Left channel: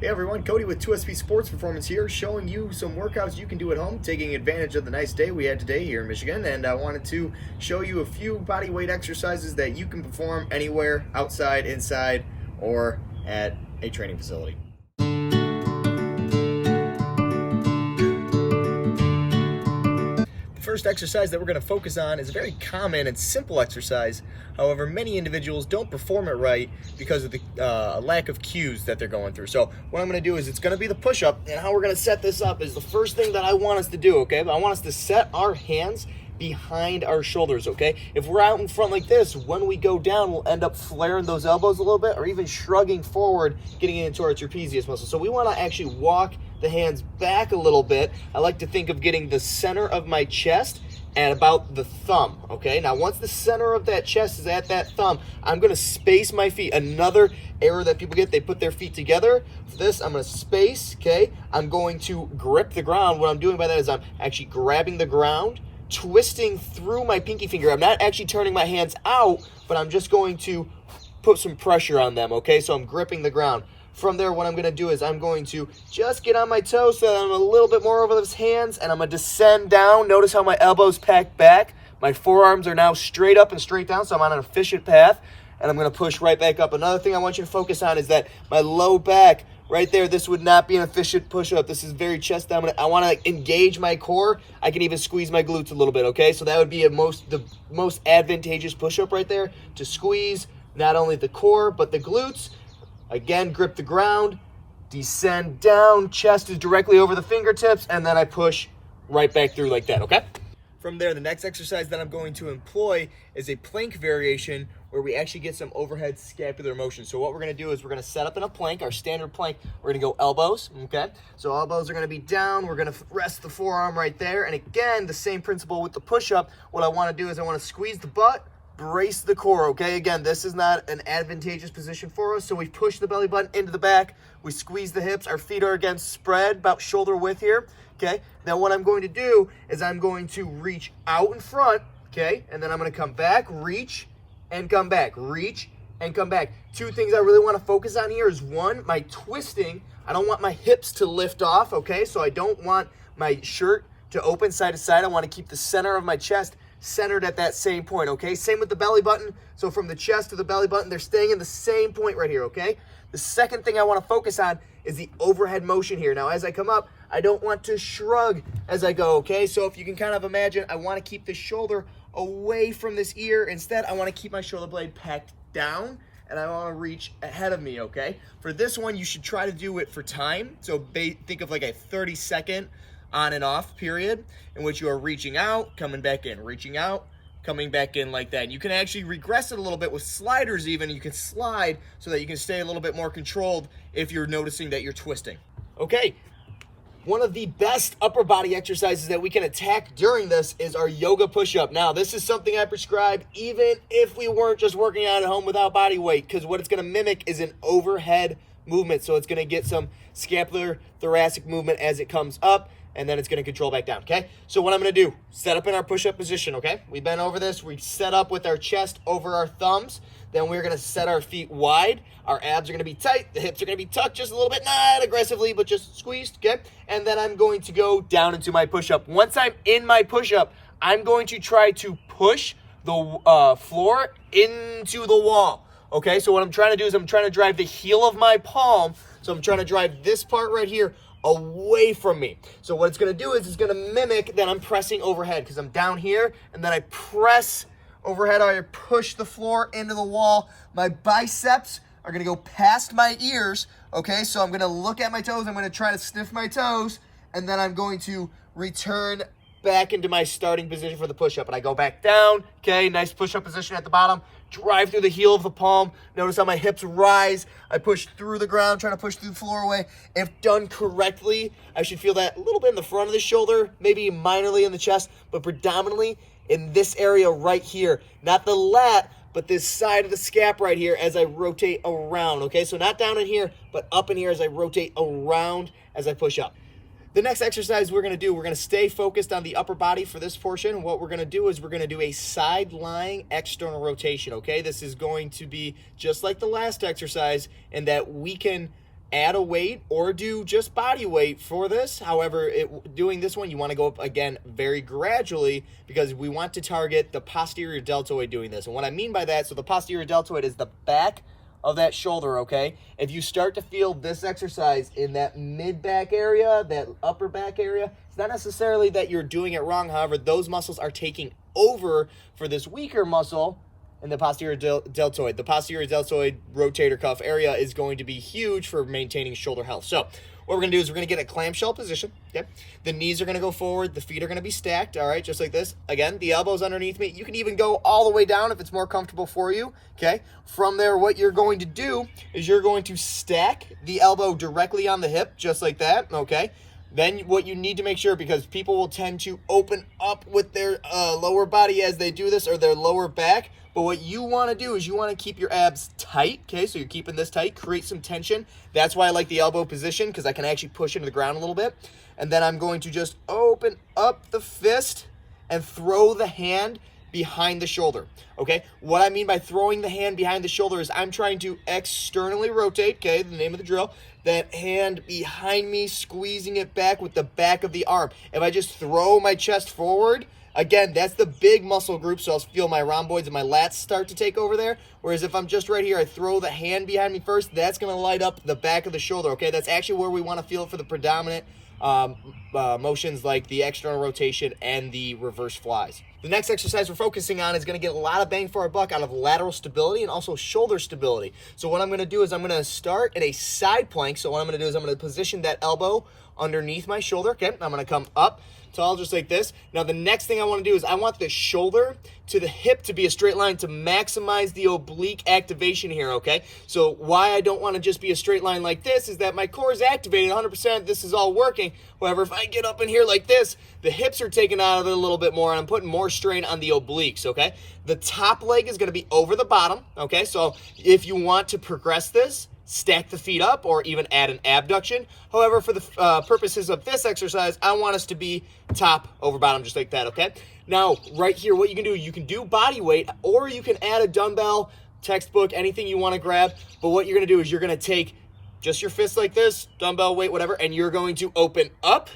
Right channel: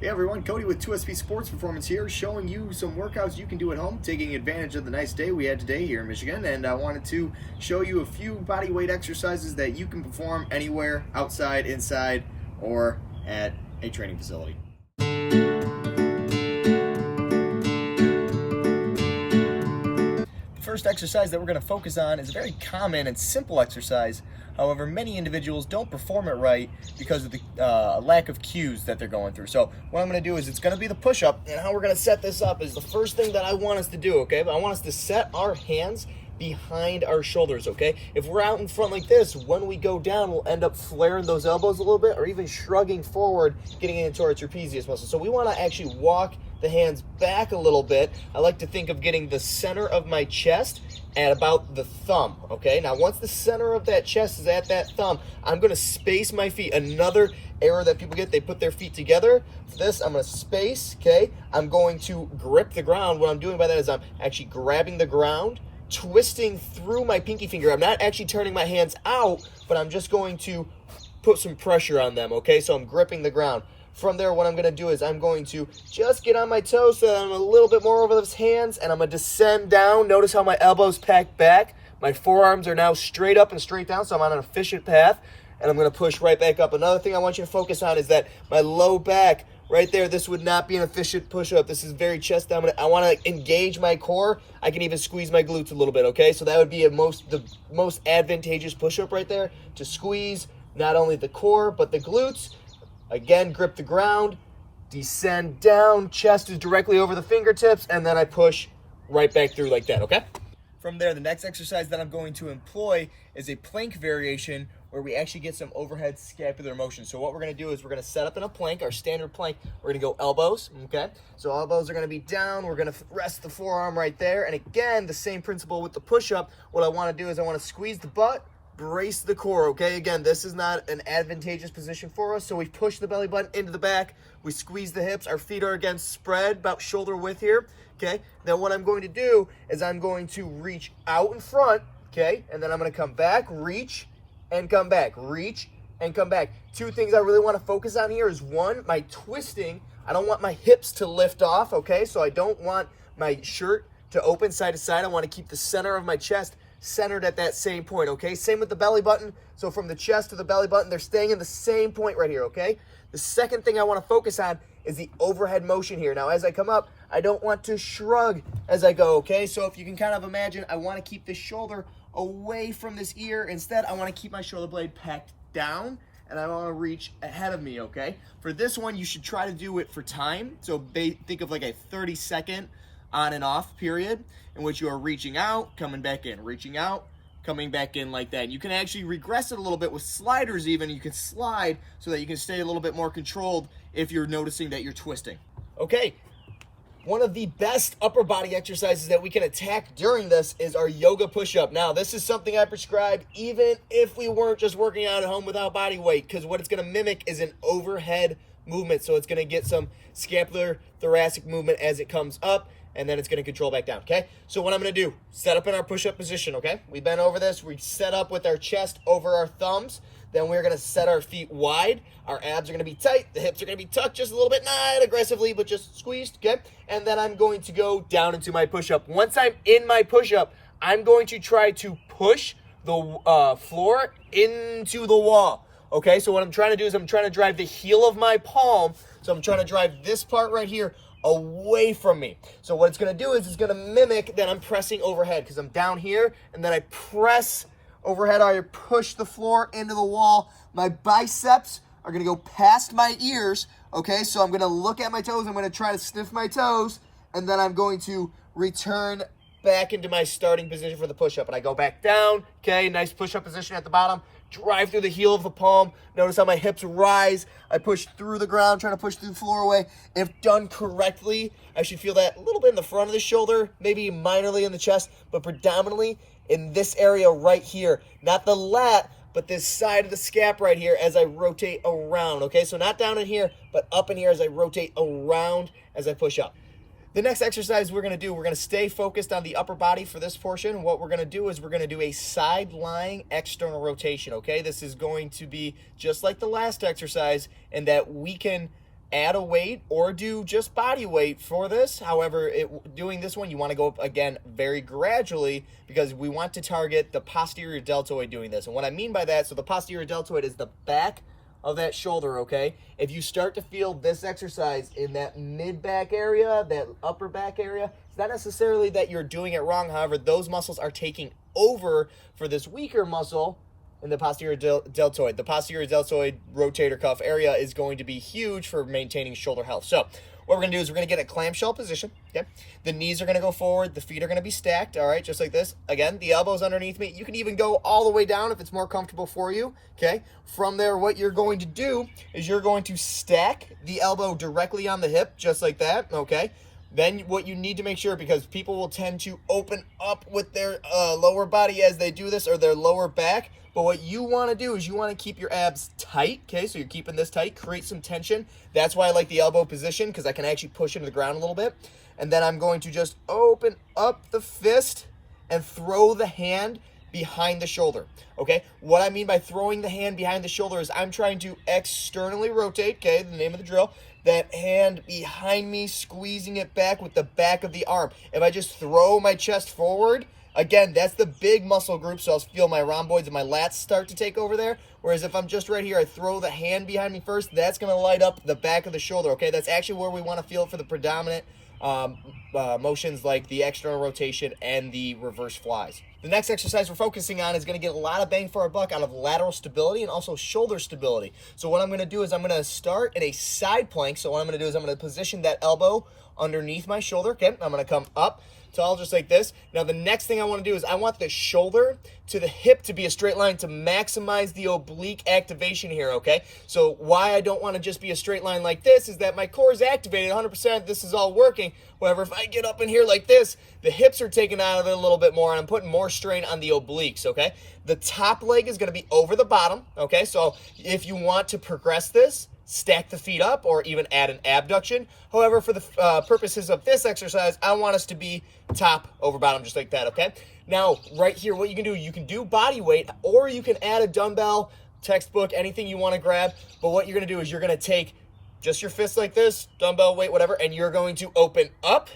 Hey everyone, Cody with 2SV Sports Performance here, showing you some workouts you can do at home, taking advantage of the nice day we had today here in Michigan. And I wanted to show you a few body weight exercises that you can perform anywhere, outside, inside, or at a training facility. The first exercise that we're going to focus on is a very common and simple exercise. However, many individuals don't perform it right because of the lack of cues that they're going through. So what I'm going to do is it's going to be the push-up, and how we're going to set this up is the first thing that I want us to do, okay? I want us to set our hands behind our shoulders, okay? If we're out in front like this, when we go down, we'll end up flaring those elbows a little bit or even shrugging forward, getting into our trapezius muscle. So we want to actually walk the hands back a little bit. I like to think of getting the center of my chest at about the thumb, okay? Now, once the center of that chest is at that thumb, I'm gonna space my feet. Another error that people get, they put their feet together. For this, I'm gonna space, okay? I'm going to grip the ground. What I'm doing by that is I'm actually grabbing the ground, twisting through my pinky finger. I'm not actually turning my hands out, but I'm just going to put some pressure on them, okay? So I'm gripping the ground. From there, what I'm going to do is I'm going to just get on my toes so that I'm a little bit more over those hands, and I'm going to descend down. Notice how my elbows pack back. My forearms are now straight up and straight down, so I'm on an efficient path, and I'm going to push right back up. Another thing I want you to focus on is that my low back right there, this would not be an efficient push-up. This is very chest dominant. I want to engage my core. I can even squeeze my glutes a little bit, okay? So that would be the most advantageous push-up right there, to squeeze not only the core but the glutes. Again, grip the ground, descend down, chest is directly over the fingertips, and then I push right back through like that, okay? From there, the next exercise that I'm going to employ is a plank variation where we actually get some overhead scapular motion. So what we're gonna do is we're gonna set up in a plank, our standard plank. We're gonna go elbows, okay? So elbows are gonna be down. We're gonna rest the forearm right there. And again, the same principle with the push-up. What I wanna do is I wanna squeeze the butt, brace the core, okay? Again, this is not an advantageous position for us, so we push the belly button into the back, we squeeze the hips, our feet are again spread about shoulder width here, okay? Now what I'm going to do is I'm going to reach out in front, okay? And then I'm gonna come back, reach, and come back, reach, and come back. Two things I really wanna focus on here is one, my twisting. I don't want my hips to lift off, okay? So I don't want my shirt to open side to side. I wanna keep the center of my chest centered at that same point, okay? Same with the belly button. So from the chest to the belly button, they're staying in the same point right here, okay? The second thing I want to focus on is the overhead motion here. Now, as I come up, I don't want to shrug as I go, okay? So if you can kind of imagine, I want to keep the shoulder away from this ear. Instead, I want to keep my shoulder blade packed down, and I want to reach ahead of me, okay? For this one, you should try to do it for time. So think of like a 30-second on and off period in which you are reaching out, coming back in, reaching out, coming back in like that. And you can actually regress it a little bit with sliders even. You can slide so that you can stay a little bit more controlled if you're noticing that you're twisting. Okay, one of the best upper body exercises that we can attack during this is our yoga push-up. Now, this is something I prescribe even if we weren't just working out at home without body weight, because what it's gonna mimic is an overhead movement. So it's gonna get some scapular thoracic movement as it comes up, and then it's going to control back down, okay? So what I'm going to do, set up in our push-up position, okay? We bend over this, we set up with our chest over our thumbs, then we're going to set our feet wide, our abs are going to be tight, the hips are going to be tucked just a little bit, not aggressively, but just squeezed, okay? And then I'm going to go down into my push-up. Once I'm in my push-up, I'm going to try to push the floor into the wall, okay? So what I'm trying to do is I'm trying to drive the heel of my palm, so I'm trying to drive this part right here away from me. So what it's going to do is it's going to mimic that I'm pressing overhead, because I'm down here and then I press overhead. I push the floor into the wall. My biceps are going to go past my ears, okay? So I'm going to look at my toes. I'm going to try to sniff my toes, and then I'm going to return back into my starting position for the push-up. And I go back down, okay? Nice push-up position at the bottom. Drive through the heel of the palm. Notice how my hips rise. I push through the ground, trying to push through the floor away. If done correctly, I should feel that a little bit in the front of the shoulder, maybe minorly in the chest, but predominantly in this area right here. Not the lat, but this side of the scap right here as I rotate around, okay? So not down in here, but up in here as I rotate around as I push up. The next exercise we're going to do, we're going to stay focused on the upper body for this portion. What we're going to do is we're going to do a side lying external rotation, okay? This is going to be just like the last exercise in that we can add a weight or do just body weight for this. However, doing this one, you want to go up again very gradually because we want to target the posterior deltoid doing this. And what I mean by that, so the posterior deltoid is the back of that shoulder, okay? If you start to feel this exercise in that mid-back area, that upper back area, it's not necessarily that you're doing it wrong. However, those muscles are taking over for this weaker muscle in the posterior deltoid. The posterior deltoid rotator cuff area is going to be huge for maintaining shoulder health. So what we're going to do is we're going to get a clamshell position, okay? The knees are going to go forward. The feet are going to be stacked, all right, just like this. Again, the elbows underneath me. You can even go all the way down if it's more comfortable for you, okay? From there, what you're going to do is you're going to stack the elbow directly on the hip, just like that, okay? Then what you need to make sure, because people will tend to open up with their lower body as they do this, or their lower back, but what you want to do is you want to keep your abs tight, okay? So you're keeping this tight, create some tension. That's why I like the elbow position, because I can actually push into the ground a little bit. And then I'm going to just open up the fist and throw the hand behind the shoulder, okay? What I mean by throwing the hand behind the shoulder is I'm trying to externally rotate, okay, the name of the drill, that hand behind me, squeezing it back with the back of the arm. If I just throw my chest forward, again, that's the big muscle group, so I'll feel my rhomboids and my lats start to take over there. Whereas if I'm just right here, I throw the hand behind me first, that's going to light up the back of the shoulder, okay? That's actually where we want to feel it for the predominant motions like the external rotation and the reverse flies. The next exercise we're focusing on is going to get a lot of bang for our buck out of lateral stability and also shoulder stability. So what I'm going to do is I'm going to start in a side plank. So what I'm going to do is I'm going to position that elbow underneath my shoulder, okay? I'm going to come up tall just like this. Now the next thing I want to do is I want the shoulder to the hip to be a straight line to maximize the oblique activation here, okay? So why I don't want to just be a straight line like this is that my core is activated 100%. This is all working. However, if I get up in here like this, the hips are taken out of it a little bit more and I'm putting more strain on the obliques, okay? The top leg is going to be over the bottom, okay? So if you want to progress this, stack the feet up or even add an abduction. However, for the purposes of this exercise, I want us to be top over bottom just like that, okay? Now, right here, what you can do body weight or you can add a dumbbell, textbook, anything you want to grab. But what you're going to do is you're going to take just your fist like this, dumbbell weight, whatever, and you're going to open up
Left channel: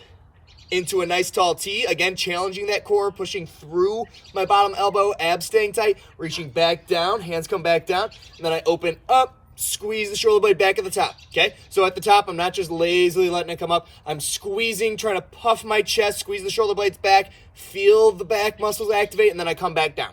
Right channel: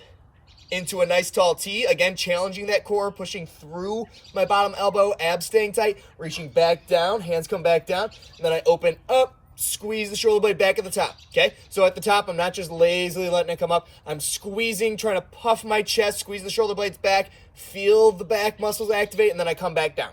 into a nice tall T, again, challenging that core, pushing through my bottom elbow, abs staying tight, reaching back down, hands come back down, and then I open up, squeeze the shoulder blade back at the top, okay? So at the top, I'm not just lazily letting it come up. I'm squeezing, trying to puff my chest, squeeze the shoulder blades back, feel the back muscles activate, and then I come back down.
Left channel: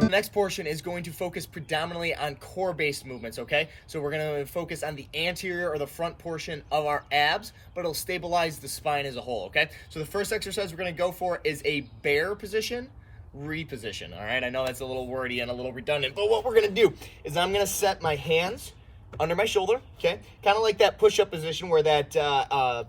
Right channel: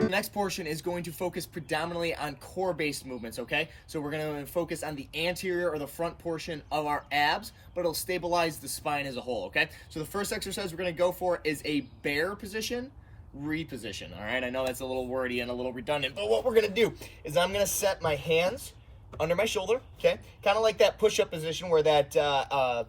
The next portion is going to focus predominantly on core-based movements, okay? So we're going to focus on the anterior or the front portion of our abs, but it'll stabilize the spine as a whole, okay? So the first exercise we're going to go for is a bear position, reposition, all right? I know that's a little wordy and a little redundant, but what we're going to do is I'm going to set my hands under my shoulder, okay? Kind of like that push-up position where that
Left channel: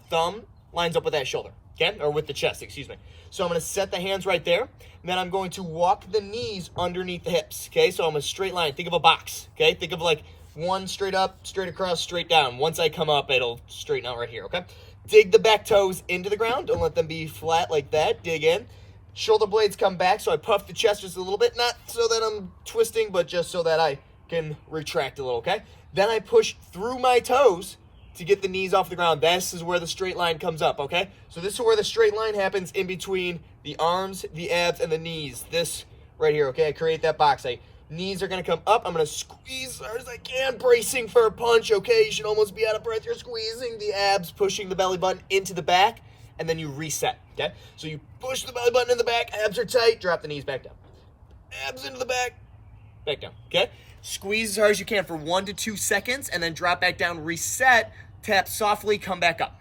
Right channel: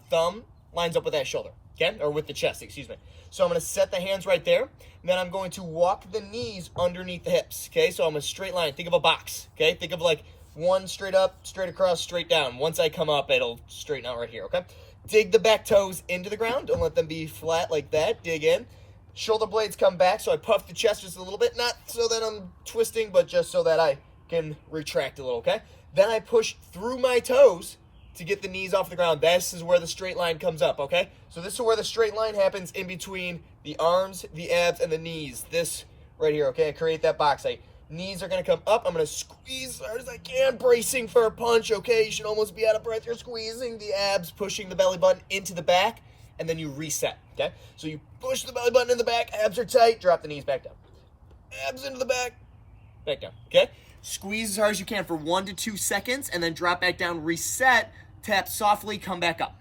thumb lines up with that shoulder, okay? Or with the chest, excuse me. So I'm going to set the hands right there, and then I'm going to walk the knees underneath the hips, okay? So I'm a straight line. Think of a box, okay? Think of like one straight up, straight across, straight down. Once I come up, it'll straighten out right here, okay? Dig the back toes into the ground. Don't let them be flat like that. Dig in. Shoulder blades come back, so I puff the chest just a little bit, not so that I'm twisting, but just so that I can retract a little, okay? Then I push through my toes to get the knees off the ground. This is where the straight line comes up, okay? So this is where the straight line happens in between the arms, the abs, and the knees. This right here, okay? I create that box. Knees are going to come up. I'm going to squeeze as hard as I can, bracing for a punch, okay? You should almost be out of breath. You're squeezing the abs, pushing the belly button into the back, and then you reset, okay? So you push the belly button in the back, abs are tight, drop the knees back down. Abs into the back down, okay? Squeeze as hard as you can for 1 to 2 seconds, and then drop back down, reset, tap softly, come back up.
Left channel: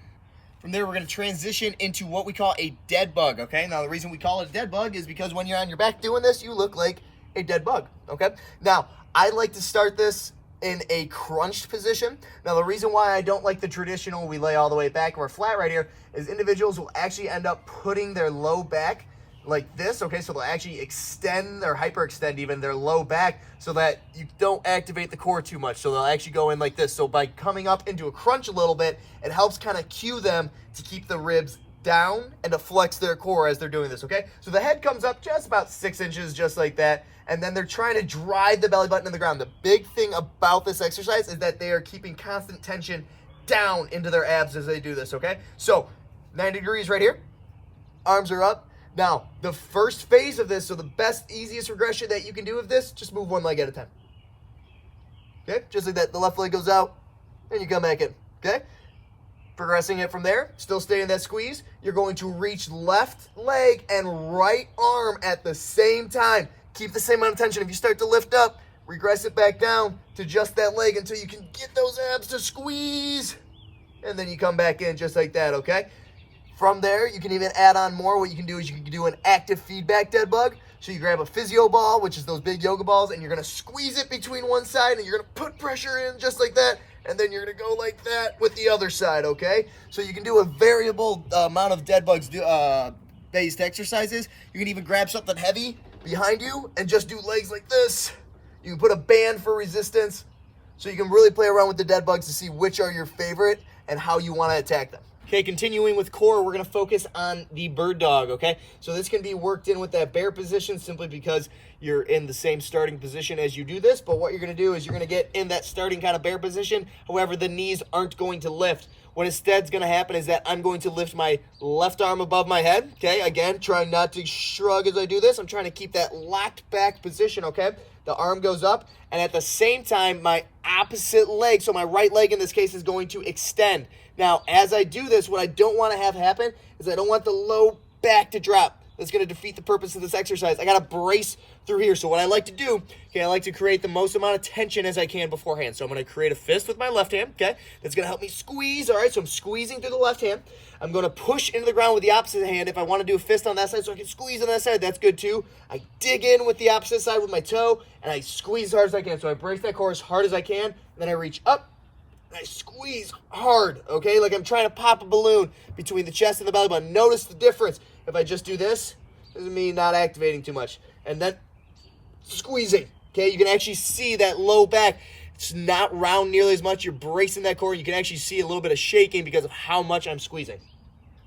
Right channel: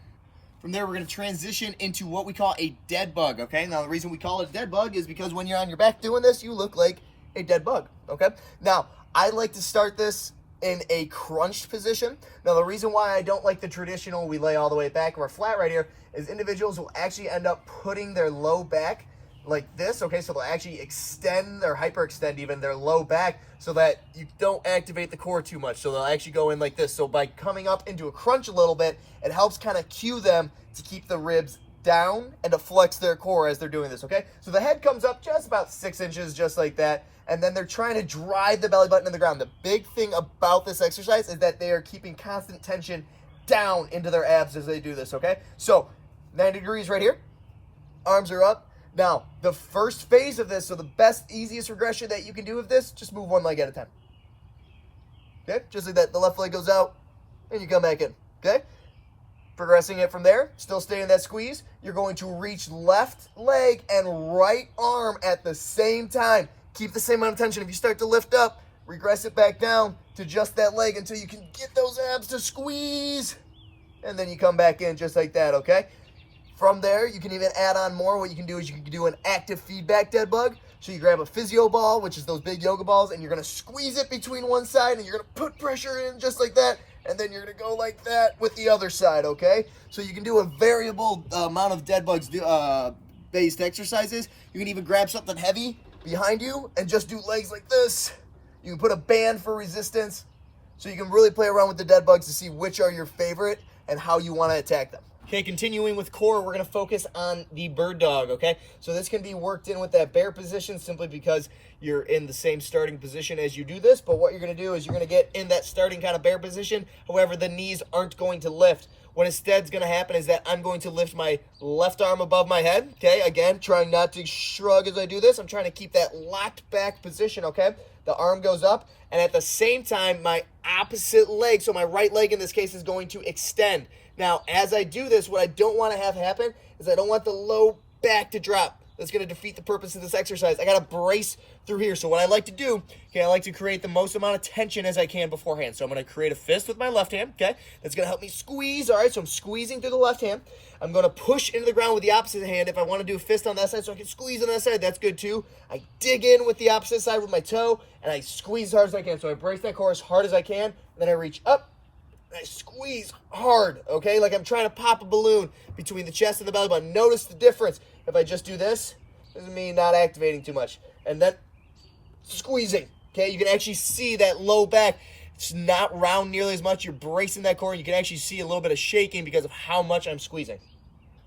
From there, we're going to transition into what we call a dead bug, okay? Now, the reason we call it a dead bug is because when you're on your back doing this, you look like a dead bug, okay? Now, I like to start this in a crunched position. Now, the reason why I don't like the traditional we lay all the way back and we're flat right here is individuals will actually end up putting their low back like this, okay? So they'll actually extend or hyperextend even their low back so that you don't activate the core too much. So they'll actually go in like this. So by coming up into a crunch a little bit, it helps kind of cue them to keep the ribs down and to flex their core as they're doing this, okay? So the head comes up just about 6 inches, just like that, and then they're trying to drive the belly button in the ground. The big thing about this exercise is that they are keeping constant tension down into their abs as they do this, okay? So 90 degrees right here, arms are up. Now, the first phase of this, so the best, easiest regression that you can do of this, just move one leg at a time. Okay, just like that, the left leg goes out, and you come back in, okay? Progressing it from there, still stay in that squeeze. You're going to reach left leg and right arm at the same time. Keep the same amount of tension. If you start to lift up, regress it back down to just that leg until you can get those abs to squeeze. And then you come back in just like that, okay? From there, you can even add on more. What you can do is you can do an active feedback dead bug. So you grab a physio ball, which is those big yoga balls, and you're going to squeeze it between one side, and you're going to put pressure in just like that, and then you're going to go like that with the other side, okay? So you can do a variable amount of dead bugs based exercises. You can even grab something heavy behind you and just do legs like this. You can put a band for resistance. So you can really play around with the dead bugs to see which are your favorite and how you want to attack them. Okay, continuing with core, we're going to focus on the bird dog, okay? So this can be worked in with that bear position simply because you're in the same starting position as you do this. But what you're going to do is you're going to get in that starting kind of bear position. However, the knees aren't going to lift. What instead's going to happen is that I'm going to lift my left arm above my head, okay? Again, trying not to shrug as I do this. I'm trying to keep that locked back position, okay? The arm goes up, and at the same time, my opposite leg, so my right leg in this case, is going to extend. Now, as I do this, what I don't want to have happen is I don't want the low back to drop. That's going to defeat the purpose of this exercise. I got to brace through here. So what I like to do, okay, I like to create the most amount of tension as I can beforehand. So I'm going to create a fist with my left hand, okay? That's going to help me squeeze, all right? So I'm squeezing through the left hand. I'm going to push into the ground with the opposite hand. If I want to do a fist on that side so I can squeeze on that side, that's good too. I dig in with the opposite side with my toe, and I squeeze as hard as I can. So I brace that core as hard as I can, and then I reach up, and I squeeze hard, okay? Like I'm trying to pop a balloon between the chest and the belly button. Notice the difference. If I just do this, doesn't mean not activating too much. And then squeezing, okay? You can actually see that low back. It's not round nearly as much. You're bracing that core. You can actually see a little bit of shaking because of how much I'm squeezing.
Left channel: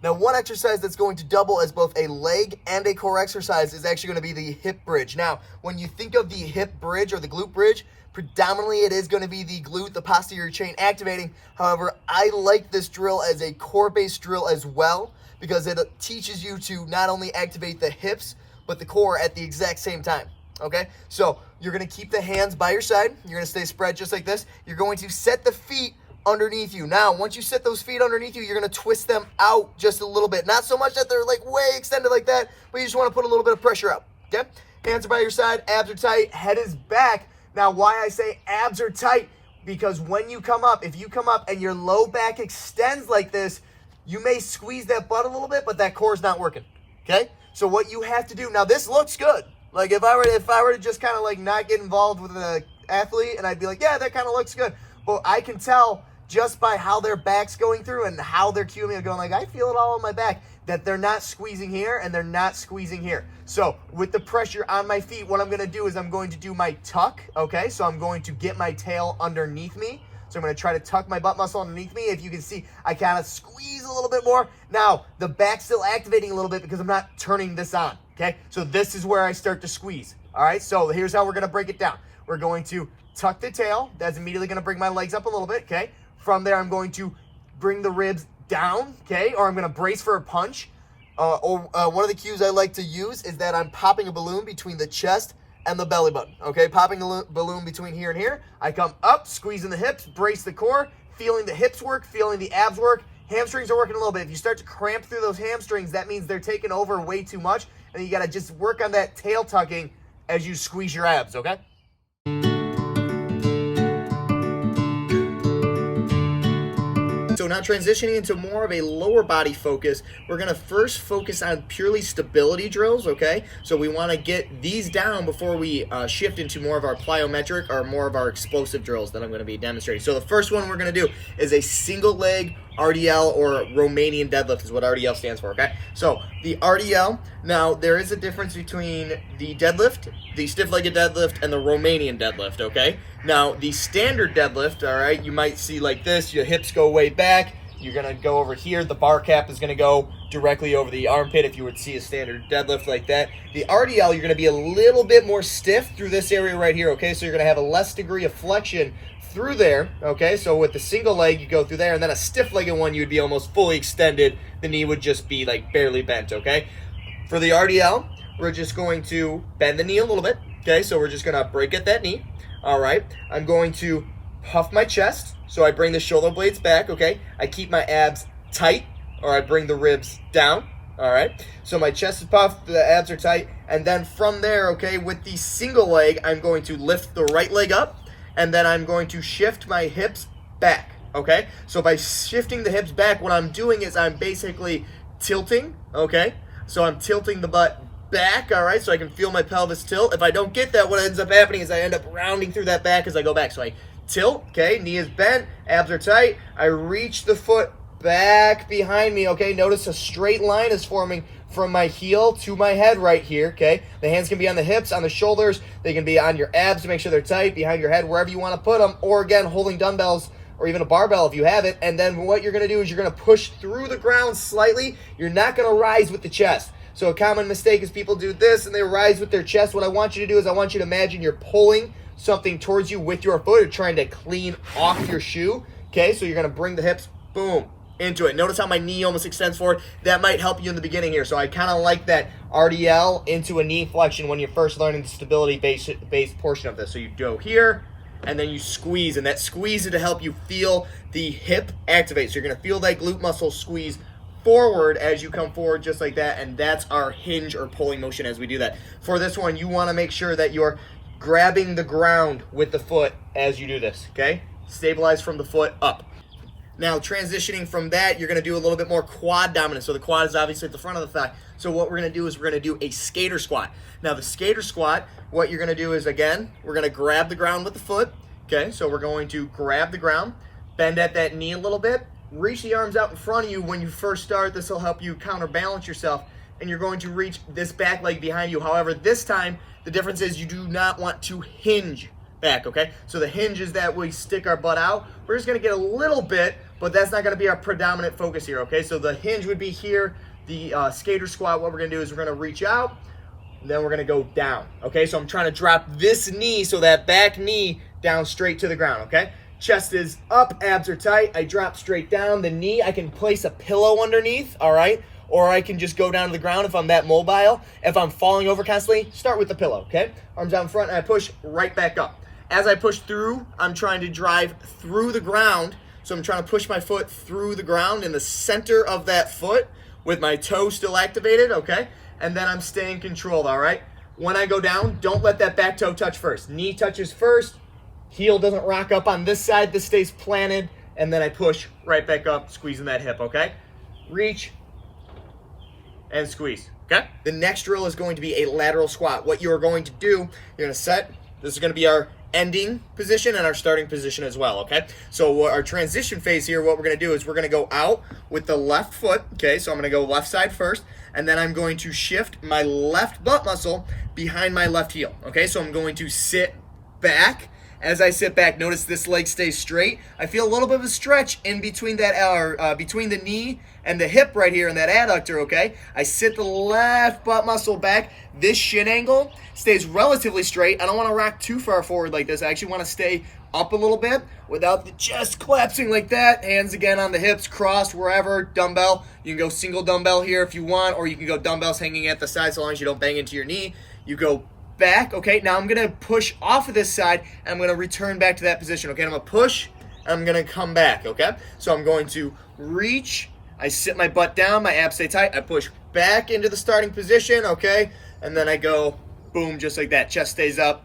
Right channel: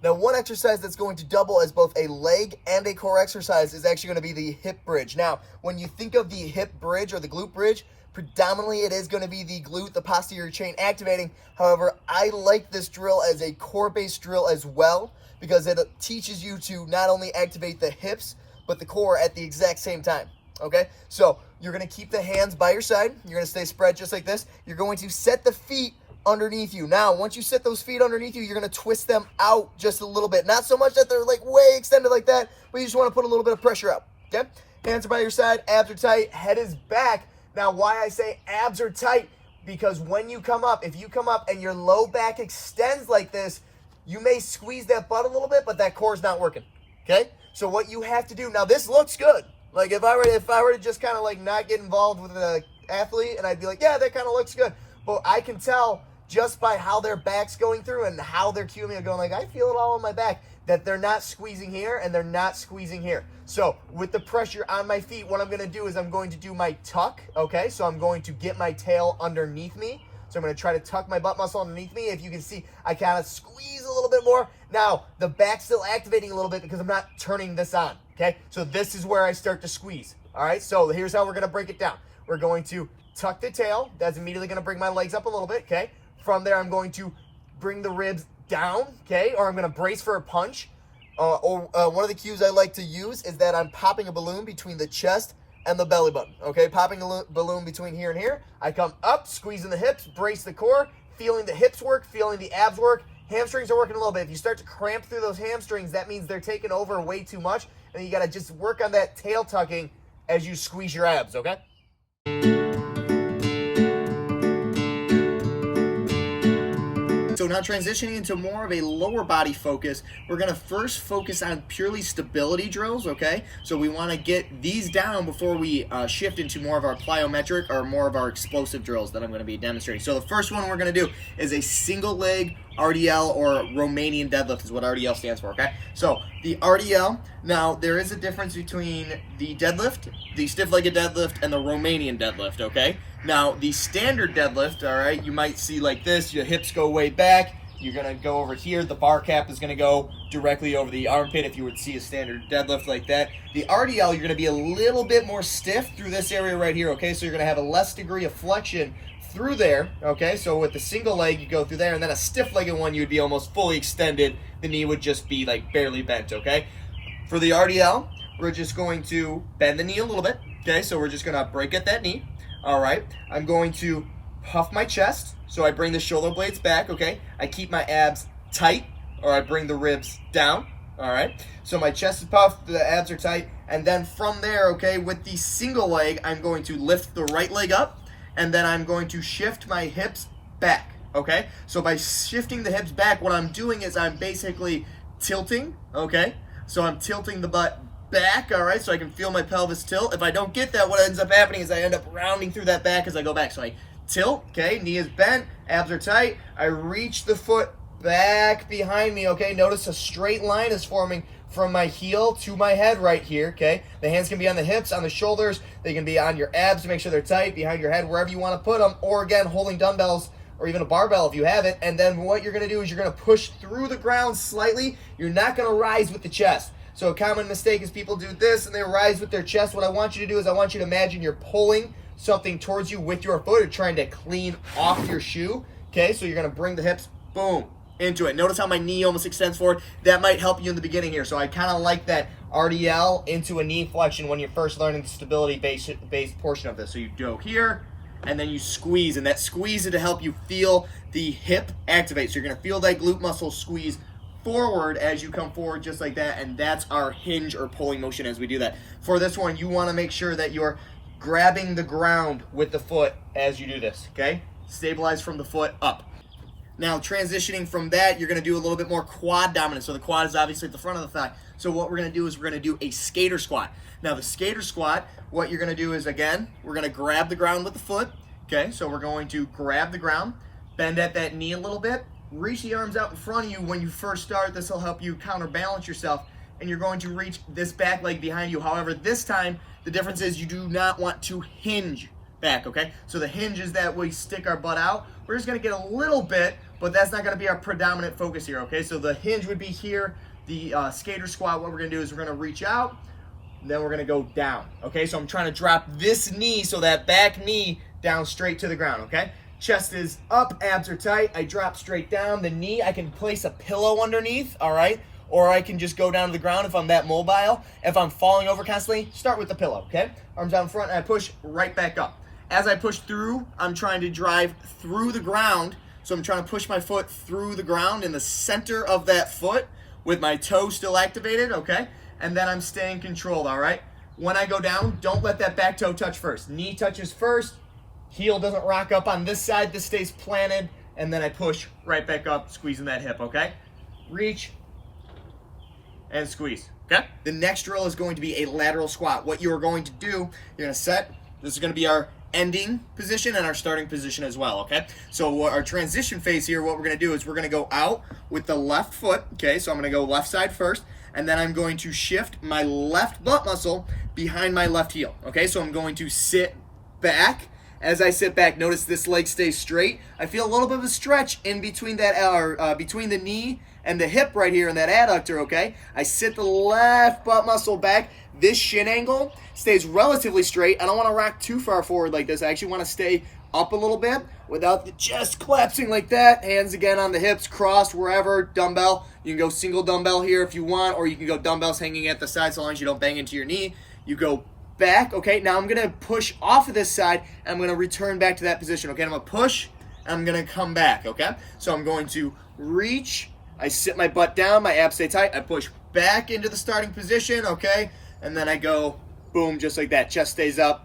Now, one exercise that's going to double as both a leg and a core exercise is actually going to be the hip bridge. Now, when you think of the hip bridge or the glute bridge, predominantly it is going to be the glute, the posterior chain activating. However, I like this drill as a core-based drill as well because it teaches you to not only activate the hips, but the core at the exact same time, okay? So you're going to keep the hands by your side. You're going to stay spread just like this. You're going to set the feet underneath you. Now, once you set those feet underneath you, you're going to twist them out just a little bit. Not so much that they're like way extended like that, but you just want to put a little bit of pressure out, okay? Hands are by your side, abs are tight, head is back. Now, why I say abs are tight, because when you come up, if you come up and your low back extends like this, you may squeeze that butt a little bit, but that core is not working, okay? So what you have to do, now this looks good. Like if I were to just kind of like not get involved with an athlete and I'd be like, yeah, that kind of looks good. But I can tell just by how their back's going through and how they're cueing me, going like, I feel it all on my back, that they're not squeezing here and they're not squeezing here. So with the pressure on my feet, what I'm going to do is I'm going to do my tuck, okay? So I'm going to get my tail underneath me. So I'm going to try to tuck my butt muscle underneath me. If you can see, I kind of squeeze a little bit more. Now, the back's still activating a little bit because I'm not turning this on, okay? So this is where I start to squeeze, all right? So here's how we're going to break it down. We're going to tuck the tail. That's immediately going to bring my legs up a little bit, okay? From there, I'm going to bring the ribs down, okay? Or I'm going to brace for a punch. One of the cues I like to use is that I'm popping a balloon between the chest and the belly button, okay? Popping a balloon between here and here. I come up, squeezing the hips, brace the core, feeling the hips work, feeling the abs work. Hamstrings are working a little bit. If you start to cramp through those hamstrings, that means they're taking over way too much, and you got to just work on that tail tucking as you squeeze your abs, okay? So now transitioning into more of a lower body focus, we're going to first focus on purely stability drills, okay? So we want to get these down before we shift into more of our plyometric or more of our explosive drills that I'm going to be demonstrating. So the first one we're going to do is a single leg RDL, or Romanian deadlift is what RDL stands for, okay? So the RDL, now there is a difference between the deadlift, the stiff-legged deadlift, and the Romanian deadlift, okay? Now the standard deadlift, all right, you might see like this, your hips go way back, You're going to go over here. The bar cap is going to go directly over the armpit if you would see a standard deadlift like that. The RDL, you're going to be a little bit more stiff through this area right here, okay? So you're going to have a less degree of flexion through there, okay? So with the single leg, you go through there, and then a stiff-legged one, you would be almost fully extended. The knee would just be like barely bent, okay? For the RDL, we're just going to bend the knee a little bit, okay? So we're just going to break at that knee, all right? I'm going to puff my chest, so I bring the shoulder blades back, okay? I keep my abs tight, or I bring the ribs down, all right? So my chest is puffed, the abs are tight, and then from there, okay, with the single leg, I'm going to lift the right leg up, and then I'm going to shift my hips back, okay? So by shifting the hips back, what I'm doing is I'm basically tilting, okay? So I'm tilting the butt back, all right, so I can feel my pelvis tilt. If I don't get that, what ends up happening is I end up rounding through that back as I go back. So I tilt, okay, knee is bent, abs are tight. I reach the foot back behind me, okay? Notice a straight line is forming from my heel to my head right here, okay? The hands can be on the hips, on the shoulders. They can be on your abs to make sure they're tight, behind your head, wherever you want to put them, or again, holding dumbbells or even a barbell if you have it. And then what you're going to do is you're going to push through the ground slightly. You're not going to rise with the chest. So a common mistake is people do this and they rise with their chest. What I want you to do is I want you to imagine you're pulling something towards you with your foot or trying to clean off your shoe, okay? So you're going to bring the hips, boom, into it. Notice how my knee almost extends forward. That might help you in the beginning here. So I kind of like that RDL into a knee flexion when you're first learning the stability-based portion of this. So you go here, and then you squeeze, and that squeeze is to help you feel the hip activate. So you're going to feel that glute muscle squeeze forward as you come forward just like that, and that's our hinge or pulling motion as we do that. For this one, you want to make sure that you're grabbing the ground with the foot as you do this, okay? Stabilize from the foot up. Now, transitioning from that, you're going to do a little bit more quad dominance. So the quad is obviously at the front of the thigh. So what we're going to do is we're going to do a skater squat. Now, the skater squat, what you're going to do is, again, we're going to grab the ground with the foot, okay? So we're going to grab the ground, bend at that knee a little bit, reach the arms out in front of you. When you first start, this will help you counterbalance yourself, and you're going to reach this back leg behind you. However, this time, the difference is you do not want to hinge back, okay? So the hinge is that we stick our butt out. We're just going to get a little bit, but that's not going to be our predominant focus here, okay? So the hinge would be here. The skater squat, what we're going to do is we're going to reach out, and then we're going to go down, okay? So I'm trying to drop this knee, so that back knee down straight to the ground, okay? Chest is up, abs are tight. I drop straight down. The knee, I can place a pillow underneath, all right? Or I can just go down to the ground if I'm that mobile. If I'm falling over constantly, start with the pillow, okay? Arms out in front, and I push right back up. As I push through, I'm trying to drive through the ground. So I'm trying to push my foot through the ground in the center of that foot with my toe still activated, okay? And then I'm staying controlled, all right? When I go down, don't let that back toe touch first. Knee touches first. Heel doesn't rock up on this side. This stays planted. And then I push right back up, squeezing that hip, okay? Reach and squeeze, okay? The next drill is going to be a lateral squat. What you are going to do, you're going to set. This is going to be our ending position and our starting position as well, okay? So our transition phase here, what we're going to do is we're going to go out with the left foot, okay? So I'm going to go left side first, and then I'm going to shift my left butt muscle behind my left heel, okay? So I'm going to sit back. As I sit back, notice this leg stays straight. I feel a little bit of a stretch in between that, between the knee and the hip right here in that adductor, okay? I sit the left butt muscle back. This shin angle stays relatively straight. I don't want to rock too far forward like this. I actually want to stay up a little bit without the chest collapsing like that. Hands again on the hips, crossed wherever, dumbbell. You can go single dumbbell here if you want, or you can go dumbbells hanging at the side so long as you don't bang into your knee. You go back, okay? Now I'm going to push off of this side, and I'm going to return back to that position, okay? I'm going to push, and I'm going to come back, okay? So I'm going to reach, I sit my butt down, my abs stay tight, I push back into the starting position, okay? And then I go, boom, just like that. Chest stays up,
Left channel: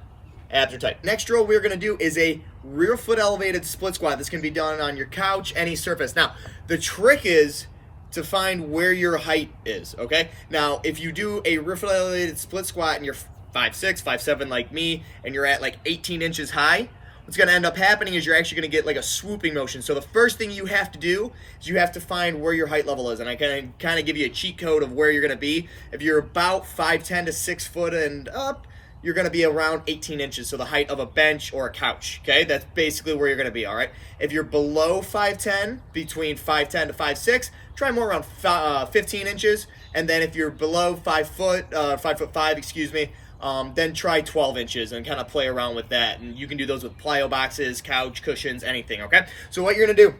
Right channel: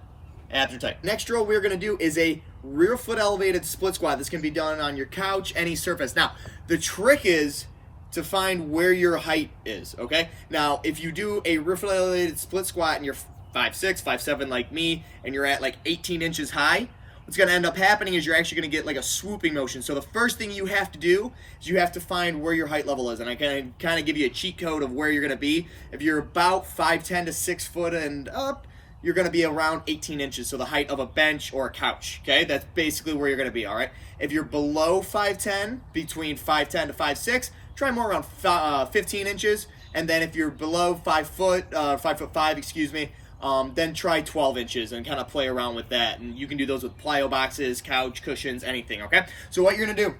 abs are tight. Next drill we're going to do is a rear foot elevated split squat. This can be done on your couch, any surface. Now, the trick is to find where your height is, okay? Now, if you do a rear foot elevated split squat and you're 5'6", 5'7" like me, and you're at like 18 inches high, what's going to end up happening is you're actually going to get like a swooping motion. So the first thing you have to do is you have to find where your height level is. And I can kind of give you a cheat code of where you're going to be. If you're about 5'10" to 6 foot and up, you're going to be around 18 inches, so the height of a bench or a couch, okay? That's basically where you're going to be, all right? If you're below 5'10", between 5'10 to 5'6", try more around 15 inches, and then if you're below 5 foot, 5'5", excuse me, then try 12 inches and kind of play around with that, and you can do those with plyo boxes, couch, cushions, anything, okay? So what you're going to do,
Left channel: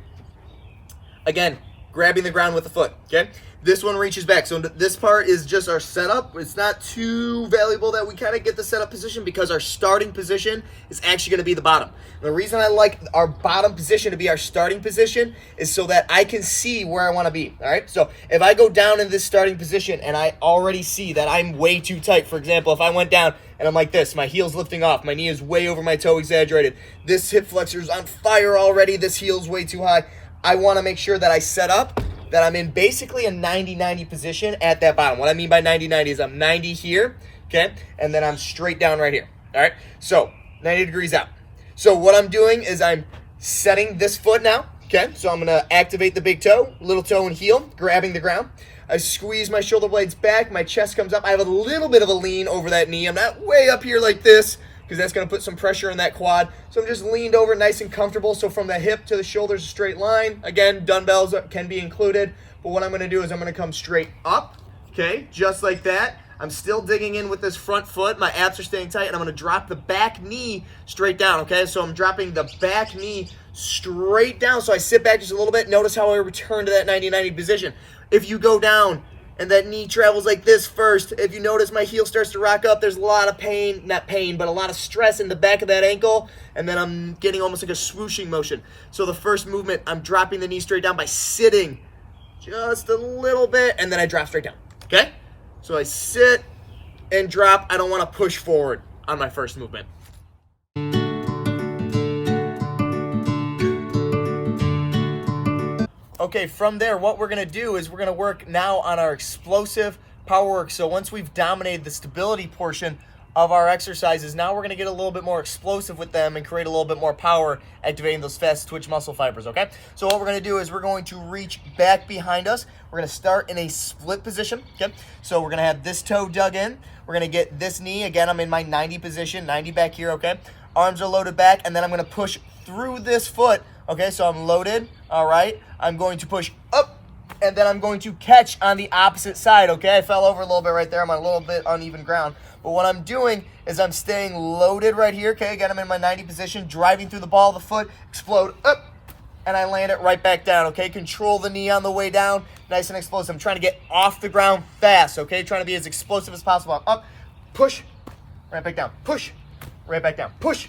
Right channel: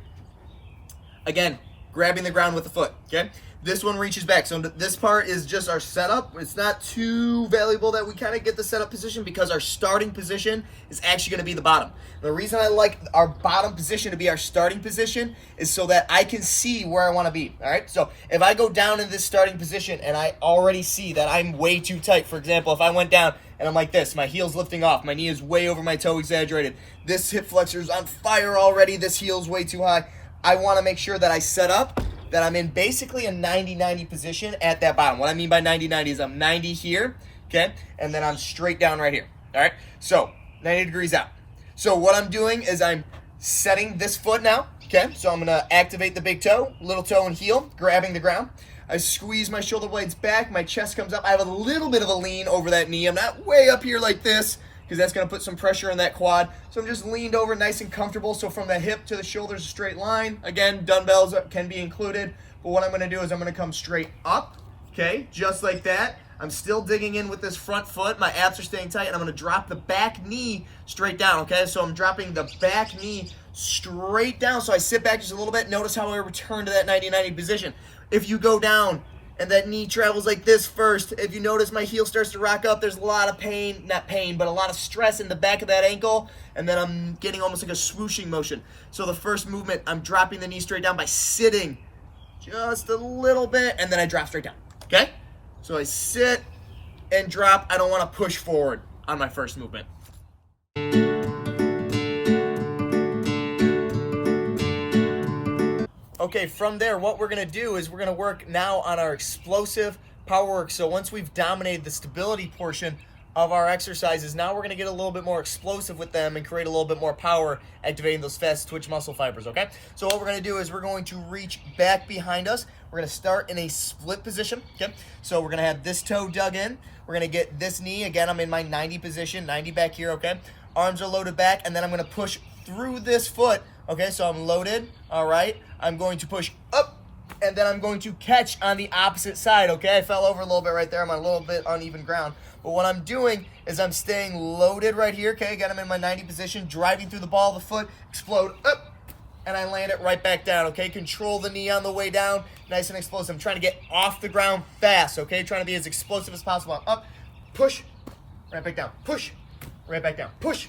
again, grabbing the ground with the foot, okay? This one reaches back. So this part is just our setup. It's not too valuable that we kind of get the setup position because our starting position is actually going to be the bottom. The reason I like our bottom position to be our starting position is so that I can see where I want to be, all right? So if I go down in this starting position and I already see that I'm way too tight, for example, if I went down and I'm like this, my heel's lifting off, my knee is way over my toe exaggerated, this hip flexor is on fire already, this heel's way too high, I want to make sure that I set up that I'm in basically a 90-90 position at that bottom. What I mean by 90-90 is I'm 90 here, okay? And then I'm straight down right here, all right? So 90 degrees out. So what I'm doing is I'm setting this foot now, okay? So I'm going to activate the big toe, little toe and heel, grabbing the ground. I squeeze my shoulder blades back, my chest comes up. I have a little bit of a lean over that knee. I'm not way up here like this because that's going to put some pressure on that quad. So I'm just leaned over nice and comfortable. So from the hip to the shoulders, a straight line. Again, dumbbells can be included. But what I'm going to do is I'm going to come straight up, okay, just like that. I'm still digging in with this front foot. My abs are staying tight, and I'm going to drop the back knee straight down, okay? So I'm dropping the back knee straight down. So I sit back just a little bit. Notice how I return to that 90-90 position. If you go down and that knee travels like this first, if you notice my heel starts to rock up, there's a lot of pain, not pain, but a lot of stress in the back of that ankle, and then I'm getting almost like a swooshing motion. So the first movement, I'm dropping the knee straight down by sitting just a little bit, and then I drop straight down, okay? So I sit and drop. I don't want to push forward on my first movement. Okay, from there, what we're going to do is we're going to work now on our explosive power work. So once we've dominated the stability portion of our exercises, now we're going to get a little bit more explosive with them and create a little bit more power, activating those fast twitch muscle fibers, okay? So what we're going to do is we're going to reach back behind us. We're going to start in a split position, okay? So we're going to have this toe dug in. We're going to get this knee. Again, I'm in my 90 position, 90 back here, okay? Arms are loaded back, and then I'm going to push through this foot, okay? So I'm loaded, all right? I'm going to push up, and then I'm going to catch on the opposite side, okay? I fell over a little bit right there. I'm on a little bit uneven ground. But what I'm doing is I'm staying loaded right here, okay? Again, I'm in my 90 position, driving through the ball of the foot, explode up, and I land it right back down, okay? Control the knee on the way down, nice and explosive. I'm trying to get off the ground fast, okay? Trying to be as explosive as possible. Up, push, right back down, push, right back down, push,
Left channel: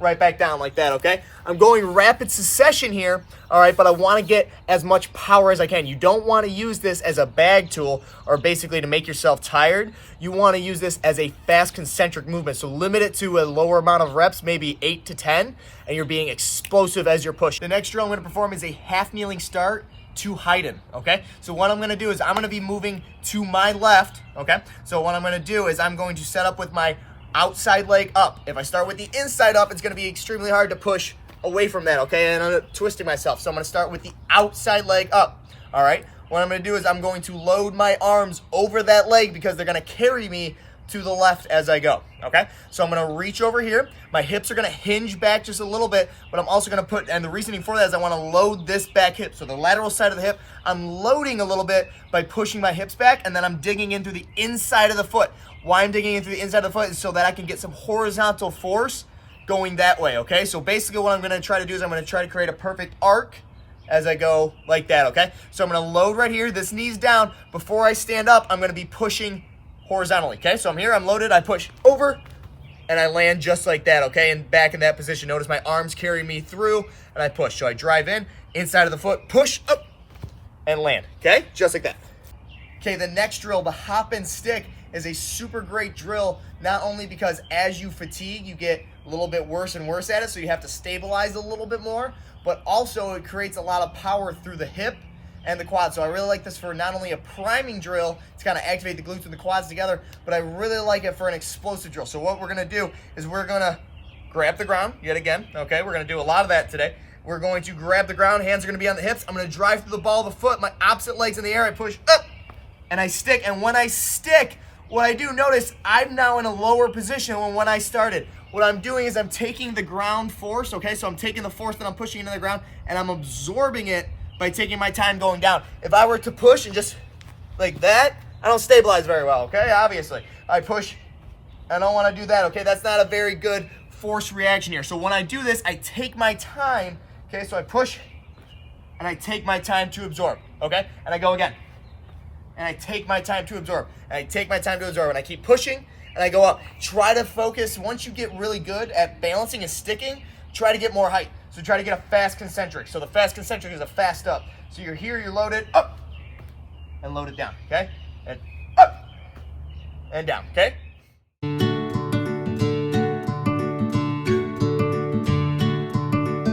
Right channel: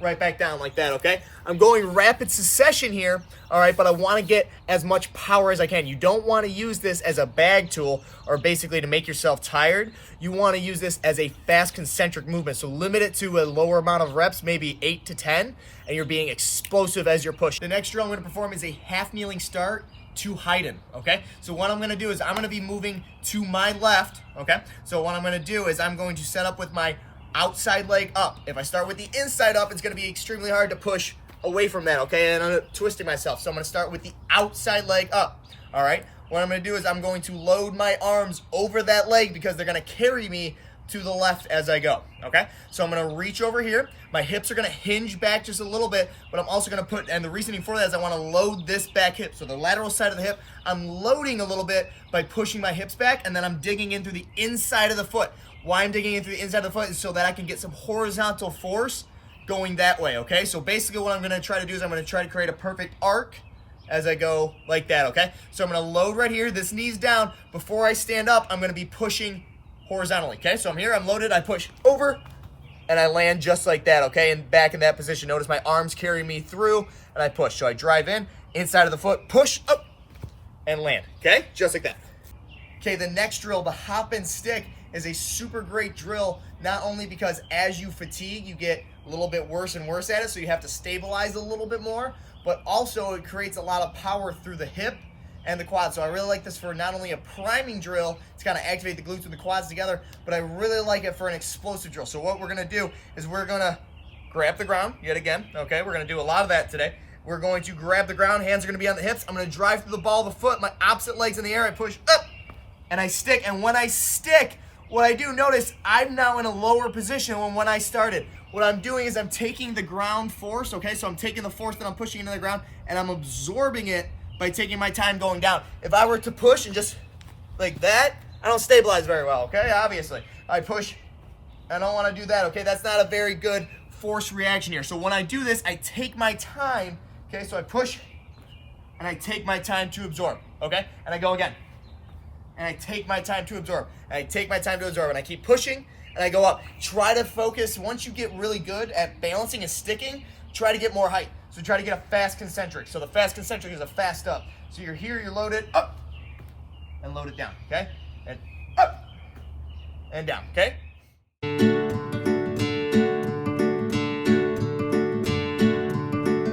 right back down like that, okay? I'm going rapid succession here, all right, but I want to get as much power as I can. You don't want to use this as a bag tool or basically to make yourself tired. You want to use this as a fast concentric movement. So limit it to a lower amount of reps, maybe 8 to 10, and you're being explosive as you're pushing. The next drill I'm going to perform is a half kneeling start to Haydn, okay? So what I'm going to do is I'm going to be moving to my left, okay? So what I'm going to do is I'm going to set up with my outside leg up. If I start with the inside up, it's going to be extremely hard to push away from that, okay? And I'm twisting myself. So I'm going to start with the outside leg up, all right? What I'm going to do is I'm going to load my arms over that leg because they're going to carry me to the left as I go, okay? So I'm going to reach over here. My hips are going to hinge back just a little bit, but I'm also going to put, and the reasoning for that is I want to load this back hip. So the lateral side of the hip, I'm loading a little bit by pushing my hips back, and then I'm digging in through the inside of the foot. Why I'm digging in through the inside of the foot is so that I can get some horizontal force going that way, okay? So basically what I'm going to try to do is I'm going to try to create a perfect arc as I go like that, okay? So I'm going to load right here. This knee's down. Before I stand up, I'm going to be pushing horizontally, okay? So I'm here, I'm loaded, I push over, and I land just like that, okay? And back in that position, notice my arms carry me through, and I push. So I drive in, inside of the foot, push up, and land, okay? Just like that. Okay, the next drill, the hop and stick, is a super great drill, not only because as you fatigue, you get a little bit worse and worse at it, so you have to stabilize a little bit more, but also it creates a lot of power through the hip and the quad. So I really like this for not only a priming drill to kind of activate the glutes and the quads together, but I really like it for an explosive drill. So what we're going to do is we're going to grab the ground yet again, okay? We're going to do a lot of that today. We're going to grab the ground, hands are going to be on the hips. I'm going to drive through the ball of the foot, my opposite leg's in the air, I push up, and I stick. And when I stick, what I do, notice I'm now in a lower position than when I started. What I'm doing is I'm taking the ground force, okay? So I'm taking the force that I'm pushing into the ground and I'm absorbing it by taking my time going down. If I were to push and just like that, I don't stabilize very well, okay? Obviously. I push, I don't want to do that, okay? That's not a very good force reaction here. So when I do this, I take my time, okay? So I push and I take my time to absorb, okay? And I go again. And I take my time to absorb. And I take my time to absorb. And I keep pushing and I go up. Try to focus. Once you get really good at balancing and sticking, try to get more height. So try to get a fast concentric. So the fast concentric is a fast up. So you're here, you're loaded up and load it down, okay? And up and down, okay?